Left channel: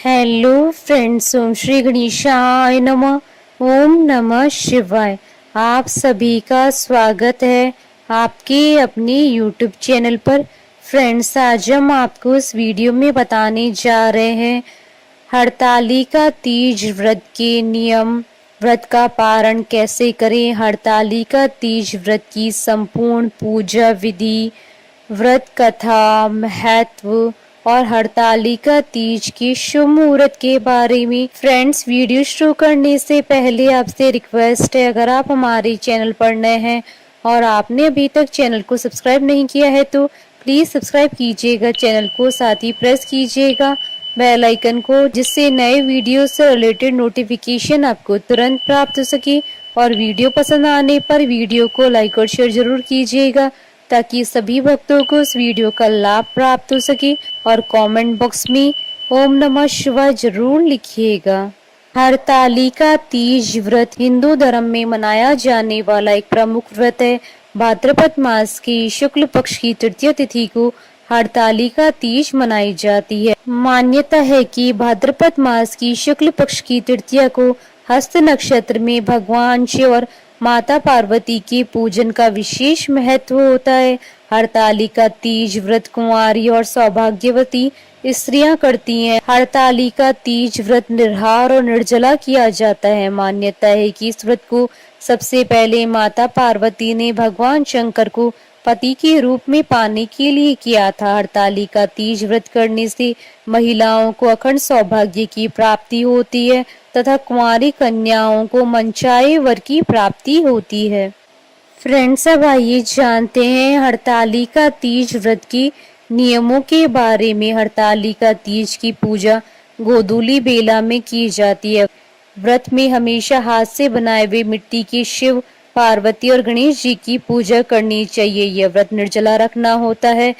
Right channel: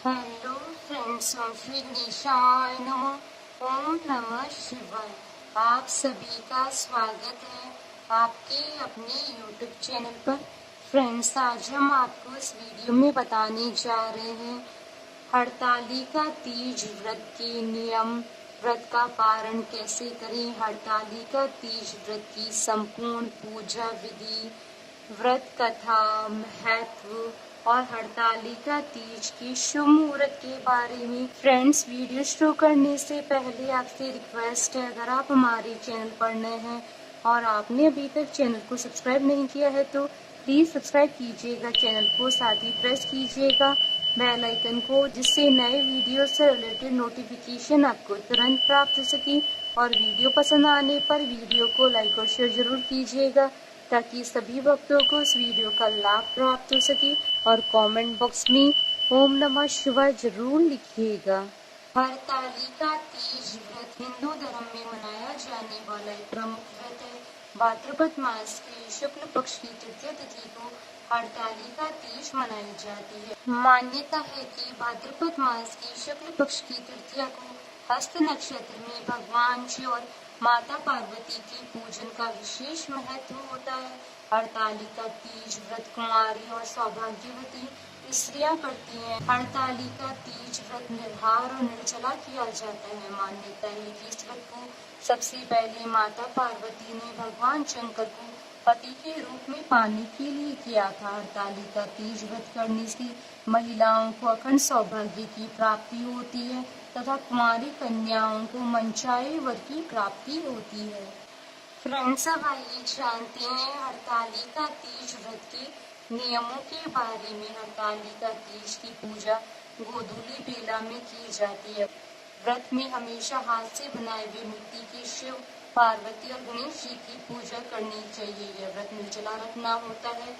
Hello friends, ओम श्री गणेशाय नमः। ओम नमः शिवाय। आप सभी का स्वागत है आपके अपने यूट्यूब चैनल पर। फ्रेंड्स, आज हम आपको इस वीडियो में बताने जा रहे हैं हरतालिका तीज व्रत के नियम, व्रत का पारण कैसे करें, हरतालिका तीज व्रत की संपूर्ण पूजा विधि, व्रत कथा, महत्व और हरतालिका तीज की शुभ मुहूर्त के बारे में। फ्रेंड्स, वीडियो शुरू करने से पहले आपसे रिक्वेस्ट है, अगर आप हमारे चैनल पर नए हैं और आपने अभी तक चैनल को सब्सक्राइब नहीं किया है तो प्लीज सब्सक्राइब कीजिएगा चैनल को, साथ ही प्रेस कीजिएगा बेल आइकन को, जिससे नए वीडियो से रिलेटेड नोटिफिकेशन आपको तुरंत प्राप्त हो सके। और वीडियो पसंद आने पर वीडियो को लाइक और शेयर जरूर कीजिएगा ताकि सभी भक्तों को इस वीडियो का लाभ प्राप्त हो सके। और कमेंट बॉक्स में ओम नमः शिवाय जरूर लिखिएगा। हरतालिका तीज व्रत हिंदू धर्म में मनाया जाने वाला एक प्रमुख व्रत है। भाद्रपद मास की शुक्ल पक्ष की तृतीय तिथि को हरतालिका तीज मनाई जाती है। मान्यता है कि भाद्रपद मास की शुक्ल पक्ष की तृतीया को हस्त नक्षत्र में भगवान शिव और माता पार्वती के पूजन का विशेष महत्व होता है। हरतालिका तीज व्रत कुंवारी और सौभाग्यवती स्त्रियां करती हैं। हरतालिका तीज व्रत निर्हार और निर्जला किया जाता है। मान्यता है कि इस व्रत को सबसे पहले माता पार्वती ने भगवान शंकर को पति के रूप में पाने के लिए किया था। हरतालिका तीज व्रत करने से महिलाओं को अखंड सौभाग्य की प्राप्ति होती है तथा कुंवारी कन्याओं को मनचाहे वर की प्राप्ति होती है। फ्रेंड्स, अब आइए जानते हैं हरतालिका तीज व्रत के नियमों के बारे में। हरतालिका तीज की पूजा गोधूली बेला में की जाती है। व्रत में हमेशा हाथ से बनाए हुए मिट्टी के शिव, पार्वती और गणेश जी की पूजा करनी चाहिए। यह व्रत निर्जला रखना होता है।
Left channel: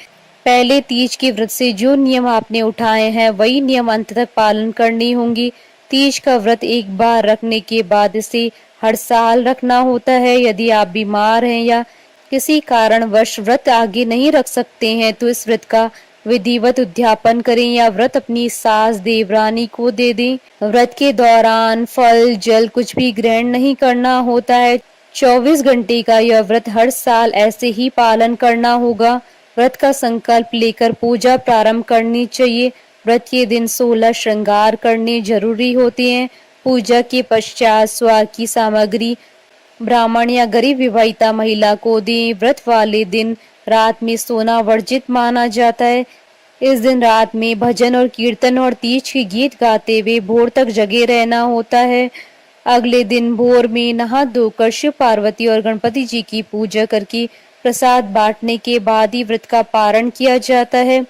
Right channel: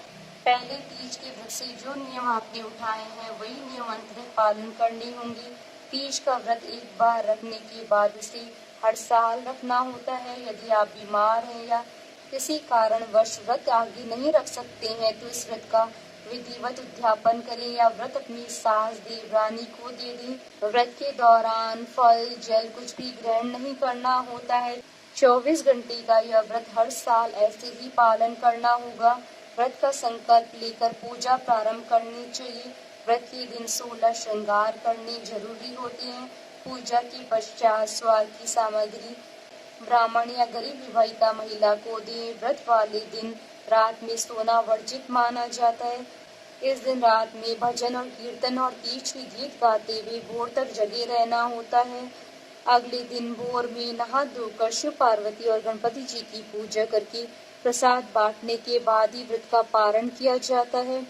पहले तीज के व्रत से जो नियम आपने उठाए हैं वही नियम अंत तक पालन करने होंगे। तीज का व्रत एक बार रखने के बाद इसे हर साल रखना होता है। यदि आप बीमार हैं या किसी कारणवश व्रत आगे नहीं रख सकते हैं तो इस व्रत का विधिवत उद्यापन करें या व्रत अपनी सास देवरानी को दे दें। व्रत के दौरान फल जल कुछ भी ग्रहण नहीं करना होता है। 24 घंटे का यह व्रत हर साल ऐसे ही पालन करना होगा। व्रत का संकल्प लेकर पूजा प्रारंभ करनी चाहिए। व्रत के दिन 16 श्रृंगार करने जरूरी होते हैं। पूजा के पश्चात स्वाद की सामग्री ब्राह्मण या गरीब विवाहिता महिला को दें। व्रत वाले दिन रात में सोना वर्जित माना जाता है। इस दिन रात में भजन और कीर्तन और तीज के गीत गाते हुए भोर तक जगे रहना होता है। अगले दिन भोर में नहा धोकर शिव, पार्वती और गणपति जी की पूजा करके प्रसाद बांटने के बाद ही व्रत का पारण किया जाता है।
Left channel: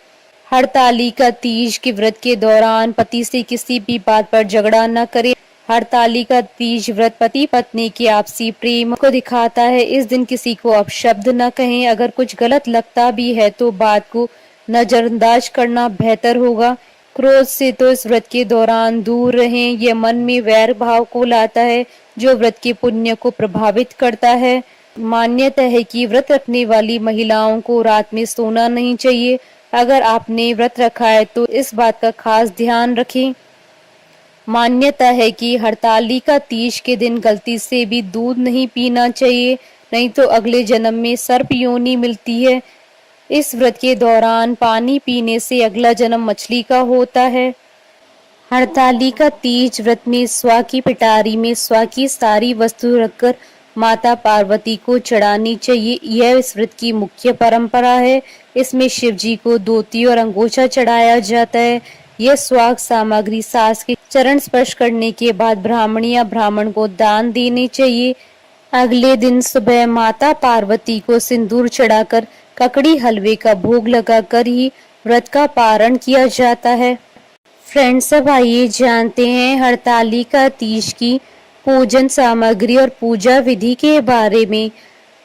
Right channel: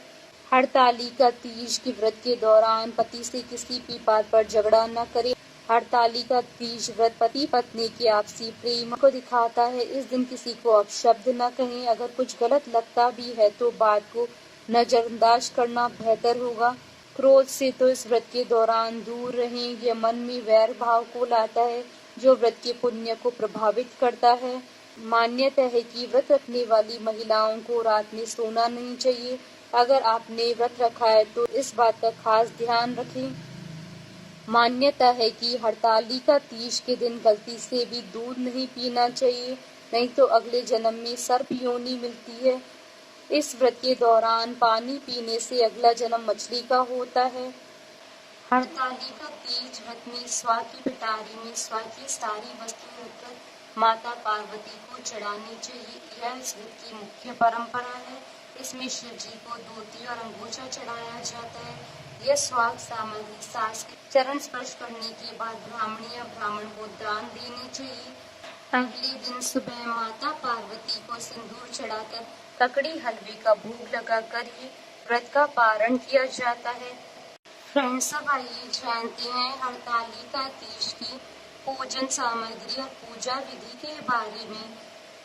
हरतालिका तीज के व्रत के दौरान पति से किसी भी बात पर झगड़ा न करें। हरतालिका तीज व्रत पति पत्नी के आपसी प्रेम को दिखाता है। इस दिन किसी को अपशब्द न कहें। अगर कुछ गलत लगता भी है तो बात को नजरअंदाज करना बेहतर होगा। क्रोध से तो इस व्रत के दौरान दूर रहें। यह मन में वैर भाव को लाता है जो व्रत के पुण्य को प्रभावित करता है। मान्यता है कि व्रत रखने वाली महिलाओं को रात में सोना नहीं चाहिए। अगर आपने व्रत रखा है तो इस बात का खास ध्यान रखें। मान्यता है कि हरतालिका तीज के दिन गलती से भी दूध नहीं पीना चाहिए, नहीं तो अगले जन्म में सर्प योनि मिलती है। इस व्रत के दौरान पानी पीने से अगला जन्म मछली का होता है। हरतालिका तीज व्रत में स्वा की पिटारी में स्वा की सारी वस्तु रखकर माता पार्वती को चढ़ानी चाहिए। यह इस व्रत की मुख्य परंपरा है। इसमें शिव जी को धोती और अंगोछा चढ़ाया जाता है। यह स्वाग सामग्री सास के चरण स्पर्श करने के बाद ब्राह्मण या ब्राह्मण को दान देनी चाहिए। अगले दिन सुबह माता पार्वती को सिंदूर चढ़ाकर ककड़ी हलवे का भोग लगाकर ही व्रत का पारण किया जाता है। फ्रेंड्स, अब आइए जानते हैं हरतालिका तीज की पूजन सामग्री और पूजा विधि के बारे में।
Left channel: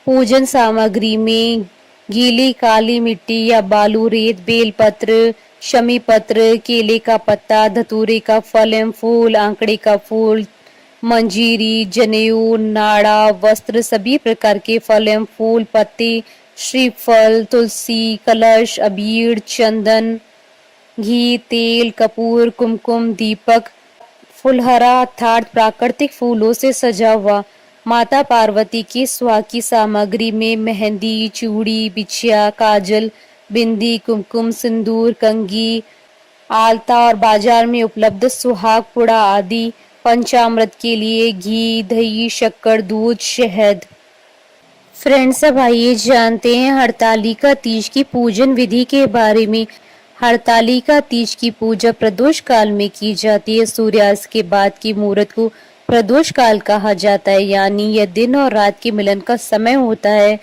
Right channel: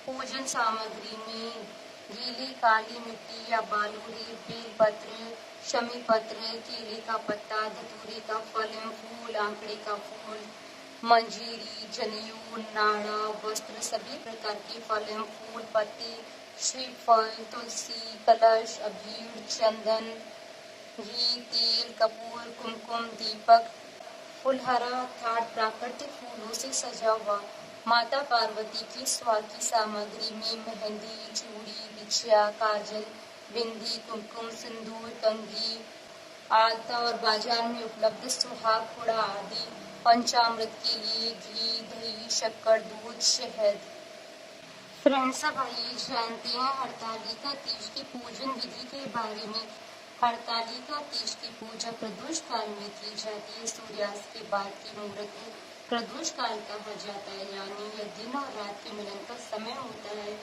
पूजन सामग्री में गीली काली मिट्टी या बालू, रेत, बेलपत्र, शमी पत्र, केले का पत्ता, धतूरे का फल एवं फूल, आंकड़े का फूल, मंजीरी, जनेऊ, नाड़ा, वस्त्र, सभी प्रकार के फल एवं फूल, पत्ते, श्रीफल, तुलसी, कलश, अबीर, चंदन, घी, तेल, कपूर, कुमकुम, दीपक, फुलहरा अर्थात प्राकृतिक फूलों से सजा हुआ। माता पार्वती की सुहाग की सामग्री में मेहंदी, चूड़ी, बिछिया, काजल, बिंदी, कुमकुम, सिंदूर, कंघी, आलता और बाजार में उपलब्ध सुहाग पुड़ा आदि। पंचामृत के लिए घी, दही, शक्कर, दूध, शहद। फ्रेंड्स, अब आइए जानते हैं हरतालिका तीज की पूजन विधि के बारे में। हरतालिका तीज की पूजा प्रदोष काल में की जाती है। सूर्यास्त के बाद की मुहूर्त को प्रदोष काल कहा जाता है, यानी यह दिन और रात के मिलन का समय होता है।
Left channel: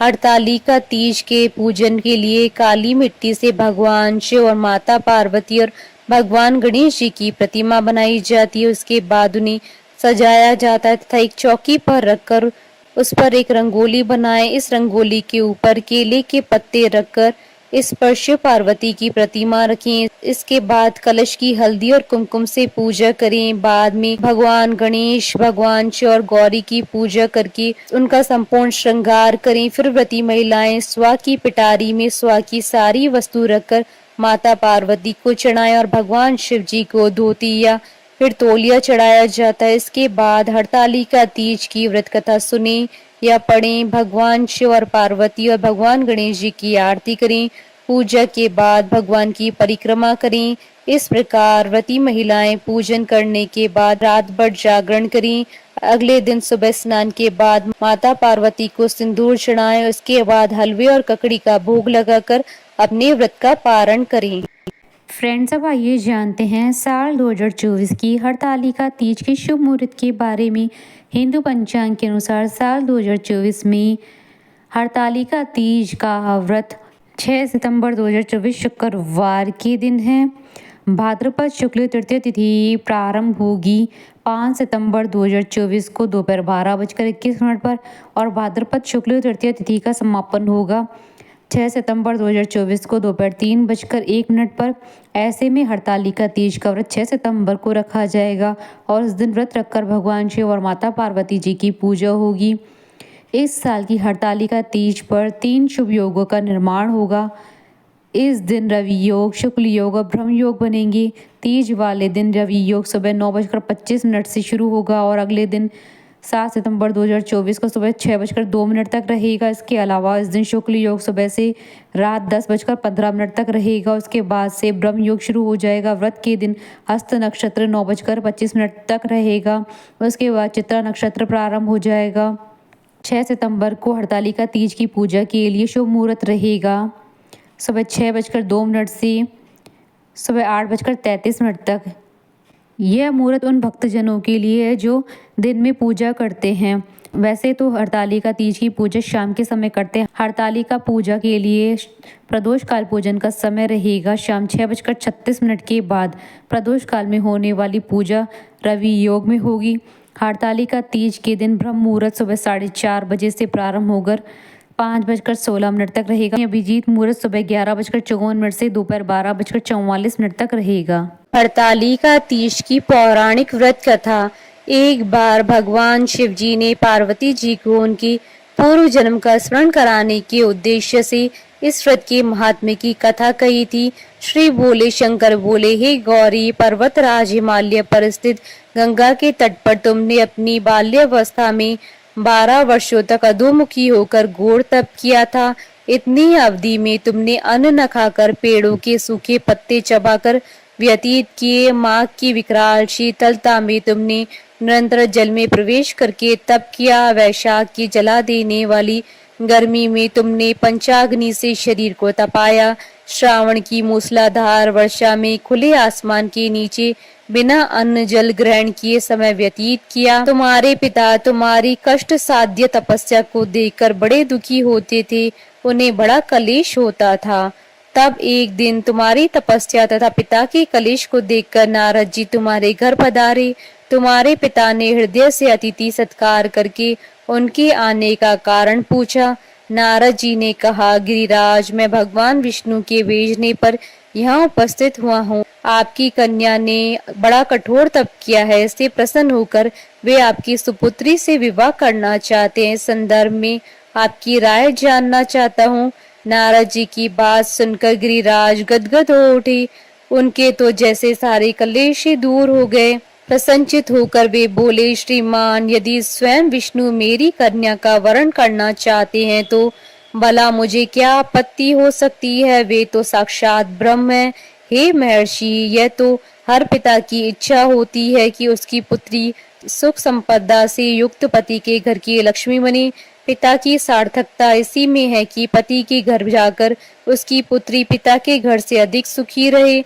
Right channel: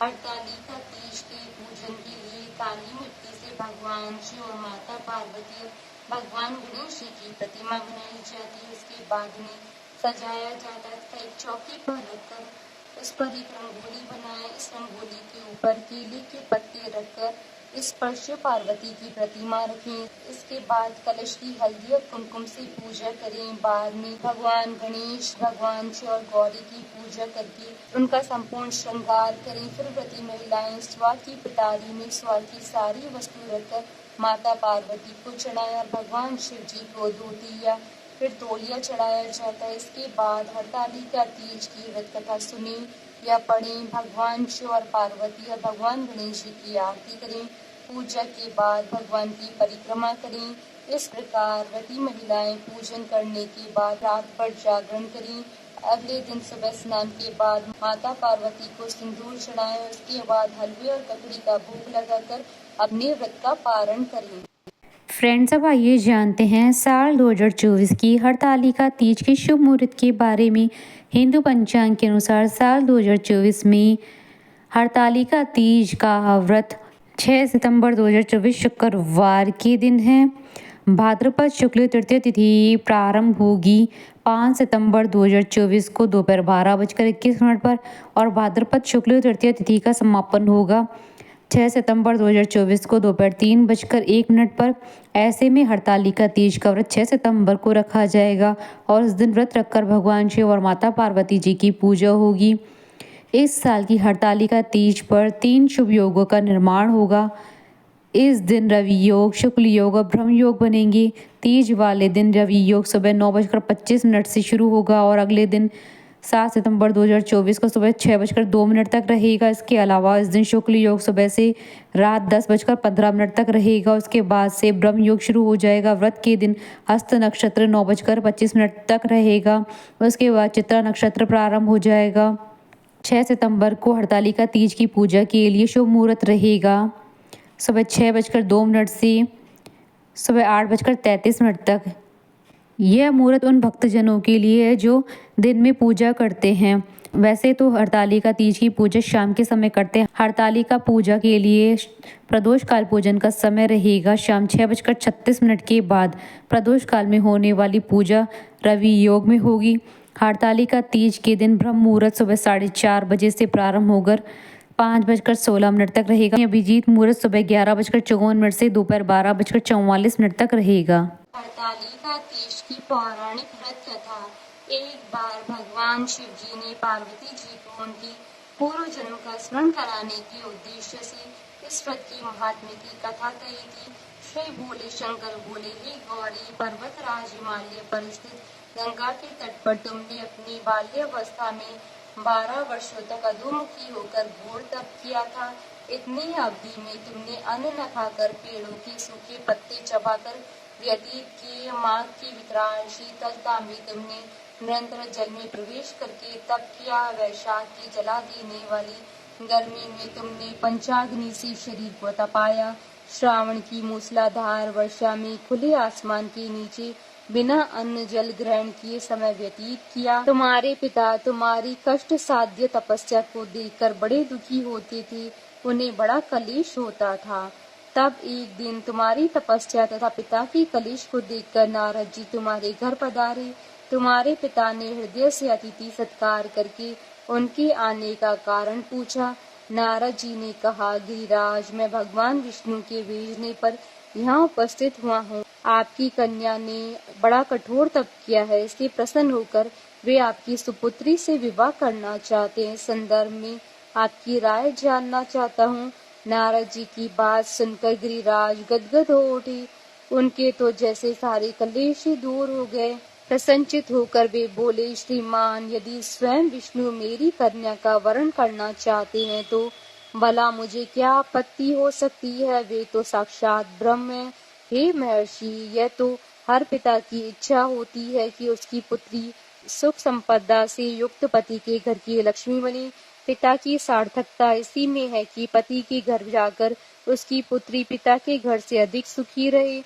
हरतालिका तीज के पूजन के लिए काली मिट्टी से भगवान शिव और माता पार्वती और भगवान गणेश जी की प्रतिमा बनाई जाती है। उसके बाद उन्हें सजाया जाता है तथा एक चौकी पर रखकर उस पर एक रंगोली बनाएं। इस रंगोली के ऊपर केले के पत्ते रखकर इस पर शिव पार्वती की प्रतिमा रखें। इसके बाद कलश की हल्दी और कुमकुम से पूजा करें। बाद में भगवान गणेश, भगवान शिव और गौरी की पूजा करके उनका संपूर्ण श्रृंगार करें। फिर व्रती महिलाएं स्वा की पिटारी में स्वा की सारी वस्तु रखकर माता पार्वती को चढ़ाएं और भगवान शिव जी को धोती या फिर तौलिया चढ़ाया जाता है। इसके बाद हरतालिका तीज की व्रत कथा सुने या पढ़ें। भगवान शिव और पार्वती और भगवान गणेश जी की आरती करें। पूजा के बाद भगवान की परिक्रमा करें। इस प्रकार व्रती महिलाएं पूजन करने के बाद रात भर जागरण करें। अगले दिन सुबह स्नान के बाद माता पार्वती को सिंदूर चढ़ाएं। उसके बाद हलवे और ककड़ी का भोग लगाकर अपने व्रत का पारण करें। फ्रेंड्स, अब आइए जानते हैं साल 2024 की हरतालिका तीज के शुभ मुहूर्त के बारे में। हिंदू पंचांग के अनुसार साल 2024 में हरतालिका तीज का व्रत 6 सितंबर 2024 शुक्रवार के दिन है। भाद्रपद शुक्ल तृतीय तिथि प्रारंभ होगी 5 सितंबर 2024 को दोपहर 12:21 पर और भाद्रपद शुक्ल तृतीय तिथि का समापन होगा 6 सितंबर 2024 को दोपहर 3:01 पर। ऐसे में हरतालिका तीज का व्रत 6 सितंबर को रखा जाएगा और इस दिन व्रत रखकर भगवान शिव और माता पार्वती जी की पूजा होगी। इस साल की हरतालिका तीज पर 3 शुभ योगों का निर्माण होगा। इस दिन रवि योग, शुक्ल योग और ब्रह्म योग बनेंगे। तीज वाले दिन रवि योग सुबह 9:25 से शुरू होगा और अगले दिन 7 सितंबर 2024 को सुबह 6:02 तक रहेगा। इसके अलावा इस दिन शुक्ल योग सुबह से रात 10:15 तक रहेगा। उसके बाद से ब्रह्म योग शुरू हो जाएगा। व्रत के दिन हस्त नक्षत्र 9:25 तक रहेगा। उसके बाद चित्रा नक्षत्र प्रारंभ हो जाएगा। 6 सितंबर को हरतालिका तीज की पूजा के लिए शुभ मुहूर्त रहेगा सुबह 6:02 से सुबह 8:33 तक। यह मुहूर्त उन भक्तजनों के लिए है जो दिन में पूजा करते हैं। वैसे तो हरतालिका तीज की पूजा शाम के समय करते हैं। हरतालिका पूजा के लिए प्रदोष काल पूजन का समय रहेगा शाम 6:36 के बाद। प्रदोष काल में होने वाली पूजा रवि योग में होगी। हरतालिका तीज के दिन ब्रह्म मुहूर्त सुबह 4:30 बजे से प्रारंभ होकर 5:16 तक रहेगा। अभिजीत मुहूर्त सुबह 11:54 से दोपहर 12:44 तक रहेगा। हरतालिका तीज की पौराणिक व्रत कथा। एक बार भगवान शिव जी ने पार्वती जी को उनकी पूर्व जन्म का स्मरण कराने के उद्देश्य से इस व्रत के महात्म्य की कथा कही थी। श्री भोले शंकर बोले, हे गौरी, पर्वतराज हिमालय पर स्थित गंगा के तट पर तुमने अपनी बाल्यावस्था में 12 वर्षों तक अधोमुखी होकर घोर तप किया था। इतनी अवधि में तुमने अन्न न खाकर पेड़ों के सूखे पत्ते चबाकर व्यतीत किए। माघ की विकराल शीतलता में तुमने निरंतर जल में प्रवेश करके तप किया। वैशाख की जला देने वाली गर्मी में तुमने पंचाग्नि से शरीर को तपाया। श्रावण की मूसलाधार वर्षा में खुले आसमान के नीचे बिना अन्न जल ग्रहण किए समय व्यतीत किया। तुम्हारे पिता तुम्हारी कष्ट साध्य तपस्या को देखकर बड़े दुखी होते थे, उन्हें बड़ा कलेश होता था। तब एक दिन तुम्हारी तपस्या तथा पिता के कलेश को देखकर नारद जी तुम्हारे घर पधारे। तुम्हारे पिता ने हृदय से अतिथि सत्कार करके उनके आने का कारण पूछा। नारद जी ने कहा, गिरिराज, मैं भगवान विष्णु के भेजने पर यहाँ उपस्थित हुआ हूँ। आपकी कन्या ने बड़ा कठोर तप किया है, इससे प्रसन्न होकर वे आपकी सुपुत्री से विवाह करना चाहते हैं। संदर्भ में आपकी राय जानना चाहता हूँ। नारद जी की बात सुनकर गिरिराज गदगद हो उठे। उनके तो जैसे सारे कलेश ही दूर हो गए। प्रसन्नचित होकर वे बोले, श्रीमान, यदि स्वयं विष्णु मेरी कन्या का वरण करना चाहते हैं तो भला मुझे क्या आपत्ति हो सकती है। वे तो साक्षात ब्रह्म है। हे महर्षि, यह तो हर पिता की इच्छा होती है कि उसकी पुत्री सुख संपदा से युक्त पति के घर की लक्ष्मी बने। पिता की सार्थकता इसी में है कि पति के घर जाकर उसकी पुत्री पिता के घर से अधिक सुखी रहे।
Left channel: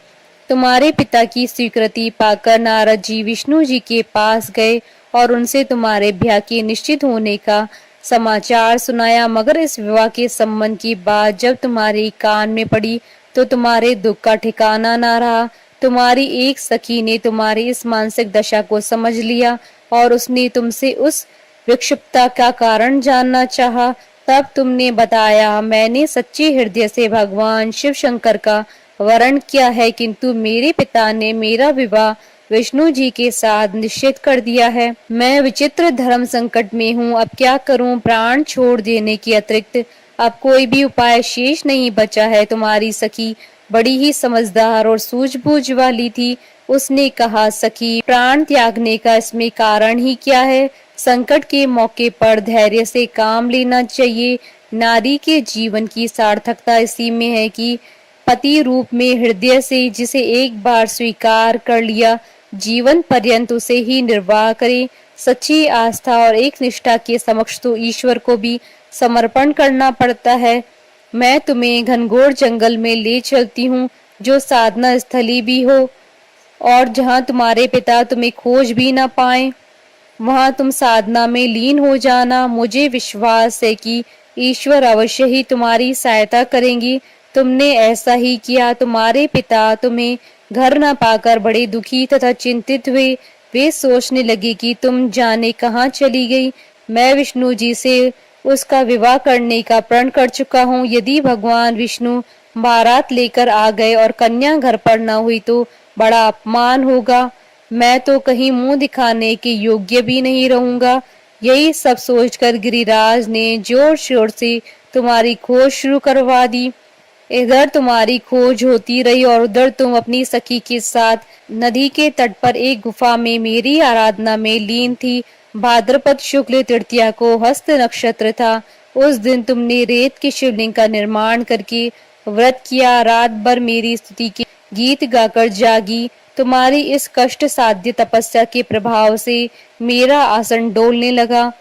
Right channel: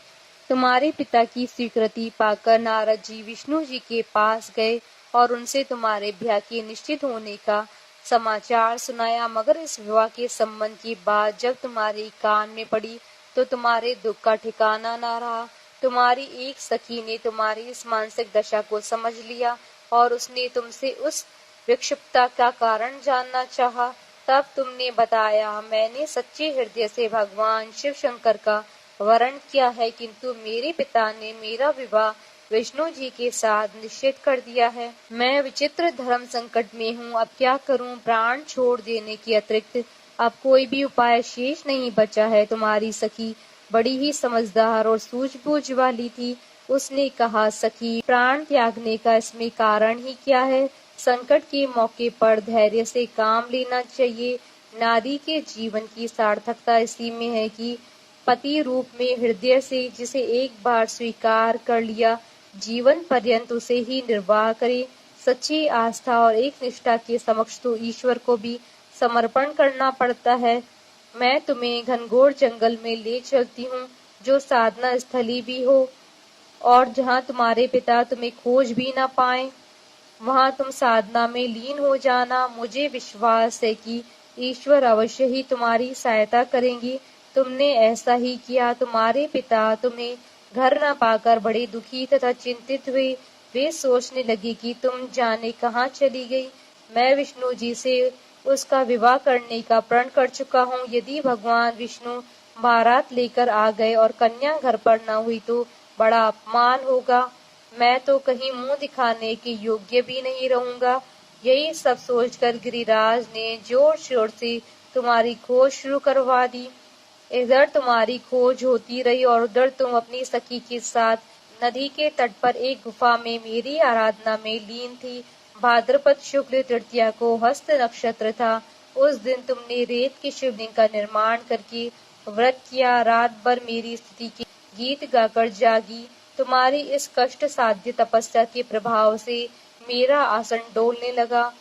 तुम्हारे पिता की स्वीकृति पाकर नारद जी विष्णु जी के पास गए और उनसे तुम्हारे ब्याह के निश्चित होने का समाचार सुनाया। मगर इस विवाह के संबंध की बात जब तुम्हारे कान में पड़ी तो तुम्हारे दुख का ठिकाना ना रहा। तुम्हारी एक सखी ने तुम्हारी इस मानसिक दशा को समझ लिया और उसने तुमसे उस विक्षिप्तता का कारण जानना चाहा। तब तुमने बताया, मैंने सच्चे हृदय से भगवान शिव शंकर का वरण किया है, किंतु मेरे पिता ने मेरा विवाह विष्णु जी के साथ निश्चित कर दिया है। मैं विचित्र धर्म संकट में हूँ, अब क्या करूँ। प्राण छोड़ देने के अतिरिक्त अब कोई भी उपाय शेष नहीं बचा है। तुम्हारी सखी बड़ी ही समझदार और सूझबूझ वाली थी। उसने कहा, सखी, प्राण त्यागने का इसमें कारण ही क्या है। संकट के मौके पर धैर्य से काम लेना चाहिए। नारी के जीवन की सार्थकता इसी में है कि पति रूप में हृदय से जिसे एक बार स्वीकार कर लिया, जीवन पर्यंत उसे ही निर्वाह करे। सच्ची आस्था और एक निष्ठा के समक्ष तो ईश्वर को भी समर्पण करना पड़ता है। मैं तुम्हें घनघोर जंगल में ले चलती हूँ, जो साधना स्थली भी हो और जहाँ तुम्हारे पिता तुम्हें खोज भी ना पाए। वहां तुम साधना में लीन हो जाना। मुझे विश्वास है कि ईश्वर अवश्य ही तुम्हारी सहायता करेंगी। तुमने ऐसा ही किया। तुम्हारे पिता तुम्हें घर न पाकर बड़े दुखी तथा चिंतित हुए। वे सोचने लगे कि तुम जाने कहाँ चली गई। मैं विष्णु जी से उसका विवाह करने का प्रण कर चुका हूँ। यदि भगवान विष्णु बारात लेकर आ गए और कन्या घर पर न हुई तो बड़ा अपमान होगा। मैं तो कहीं मुंह दिखाने के योग्य भी नहीं रहूंगा। यही सब सोचकर गिरिराज ने जोर शोर से तुम्हारी खोज शुरू करवा दी। इधर तुम्हारी खोज होती रही और उधर तुम अपनी सखी के साथ नदी के तट पर एक गुफा में मेरी आराधना में लीन थी। भाद्रपद शुक्ल तृतीया को हस्त नक्षत्र था। उस दिन तुमने रेत के शिवलिंग का निर्माण करके व्रत किया। रात भर मेरी स्तुति के गीत गाकर जागी। तुम्हारी इस कष्ट साध्य तपस्या के प्रभाव से मेरा आसन डोलने लगा।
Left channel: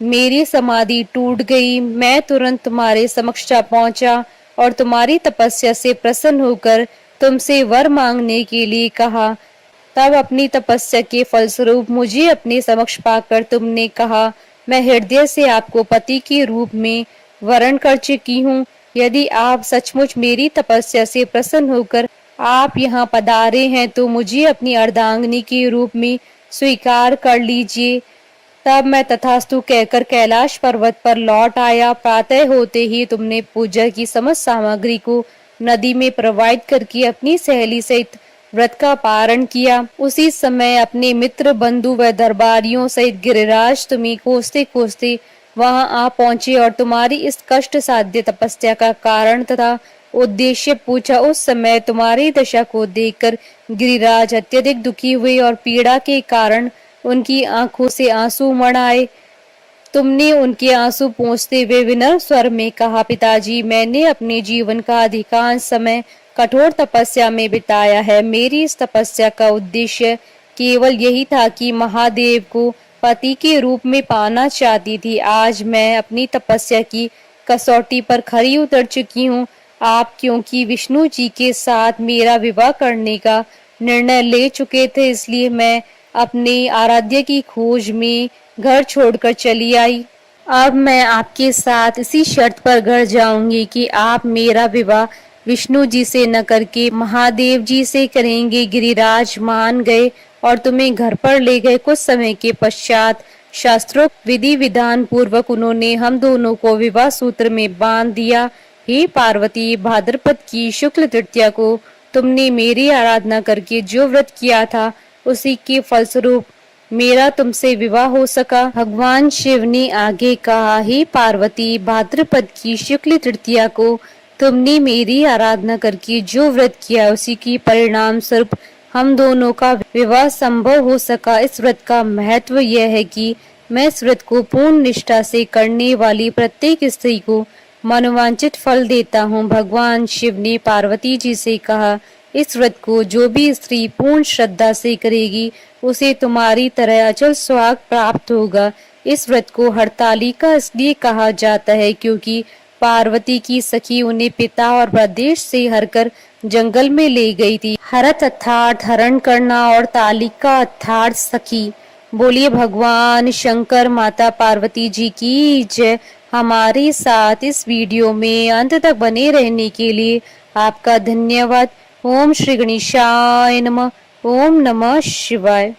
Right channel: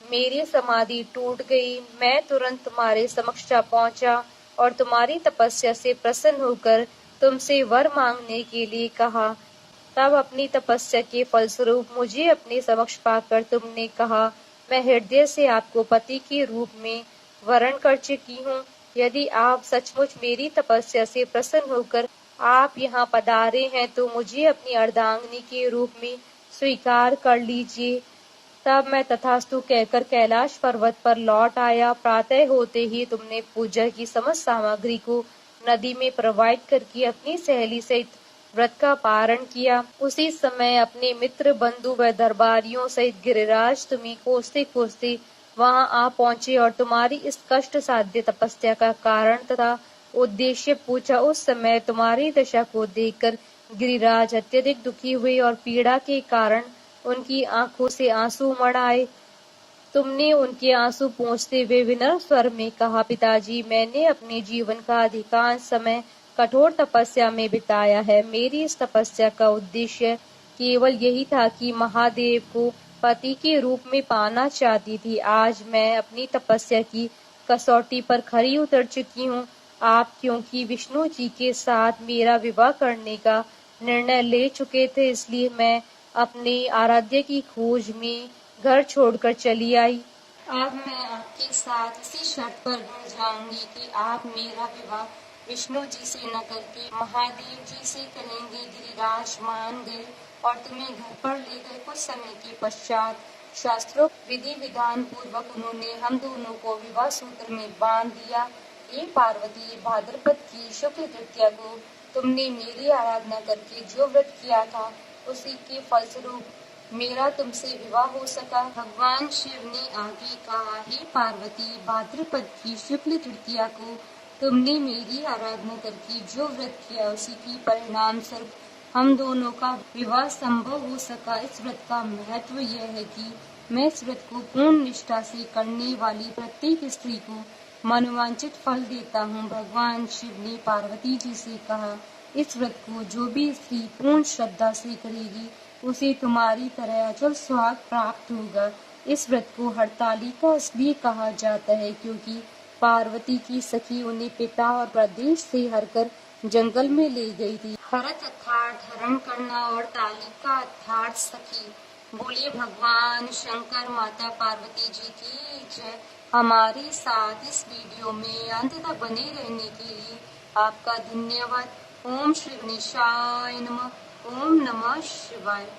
मेरी समाधि टूट गई। मैं तुरंत तुम्हारे समक्ष जा पहुंचा और तुम्हारी तपस्या से प्रसन्न होकर तुमसे वर मांगने के लिए कहा। तब अपनी तपस्या के फलस्वरूप मुझे अपने समक्ष पाकर तुमने कहा, मैं हृदय से आपको पति के रूप में वरण कर चुकी हूँ। यदि आप सचमुच मेरी तपस्या से प्रसन्न होकर आप यहाँ पधारे हैं तो मुझे अपनी अर्धांगिनी के रूप में स्वीकार कर लीजिए। तब मैं तथास्तु कहकर कैलाश पर्वत पर लौट आया। प्रातः होते ही तुमने पूजा की समस्त सामग्री को नदी में प्रवाहित करके अपनी सहेली सहित व्रत का पारण किया। उसी समय अपने मित्र बंधु व दरबारियों सहित गिरिराज तुम्हें खोजते खोजते वहां आ पहुंचे और तुम्हारी इस कष्ट साध्य तपस्या का कारण तथा उद्देश्य पूछा। उस समय तुम्हारी दशा को देखकर गिरिराज अत्यधिक दुखी हुए और पीड़ा के कारण उनकी आंखों से आंसू मड़ आए। तुमने उनके आंसू पोंछते हुए विनम्र स्वर में कहा, पिताजी, मैंने अपने जीवन का अधिकांश समय कठोर तपस्या में बिताया है। मेरी इस तपस्या का उद्देश्य केवल यही था कि महादेव को पति के रूप में पाना चाहती थी। आज मैं अपनी तपस्या की कसौटी पर खरी उतर चुकी हूँ। आप क्योंकि विष्णु जी के साथ मेरा विवाह करने का निर्णय ले चुके थे, इसलिए मैं अपने आराध्य की खोज में घर छोड़कर चली आई। अब मैं आपके साथ इसी शर्त पर घर जाऊंगी कि आप मेरा विवाह विष्णु जी से न करके महादेव जी से करेंगे। गिरिराज मान गए और तुम्हें घर पर ले गए। कुछ समय के पश्चात शास्त्रोक्त विधि विधान पूर्वक उन्होंने हम दोनों को विवाह सूत्र में बांध दिया। हे पार्वती, भाद्रपद की शुक्ल तृतीया को तुमने मेरी आराधना करके जो व्रत किया था उसी के फलस्वरूप मेरा तुमसे विवाह हो सका। भगवान शिव ने आगे कहा, हे पार्वती, भाद्रपद की शुक्ल तृतीया को तुमने मेरी आराधना करके जो व्रत किया उसी की परिणाम स्वरूप हम दोनों का विवाह संभव हो सका। इस व्रत का महत्व यह है कि मैं इस व्रत को पूर्ण निष्ठा से करने वाली प्रत्येक स्त्री को मनोवांछित फल देता हूँ। भगवान शिव ने पार्वती जी से कहा, इस व्रत को जो भी स्त्री पूर्ण श्रद्धा से करेगी उसे तुम्हारी तरह अचल सुहाग प्राप्त होगा। इस व्रत को हरतालिका इसलिए कहा जाता है क्योंकि पार्वती की सखी उन्हें पिता और प्रदेश से हरकर जंगल में ले गई थी। हरत अर्थात हरण करना और तालिका अर्थात सखी। बोलिए भगवान शंकर माता पार्वती जी की जय। हमारे साथ इस वीडियो में अंत तक बने रहने के लिए आपका धन्यवाद। ओम श्री गणेशाय नमः। ओम नमः शिवाय।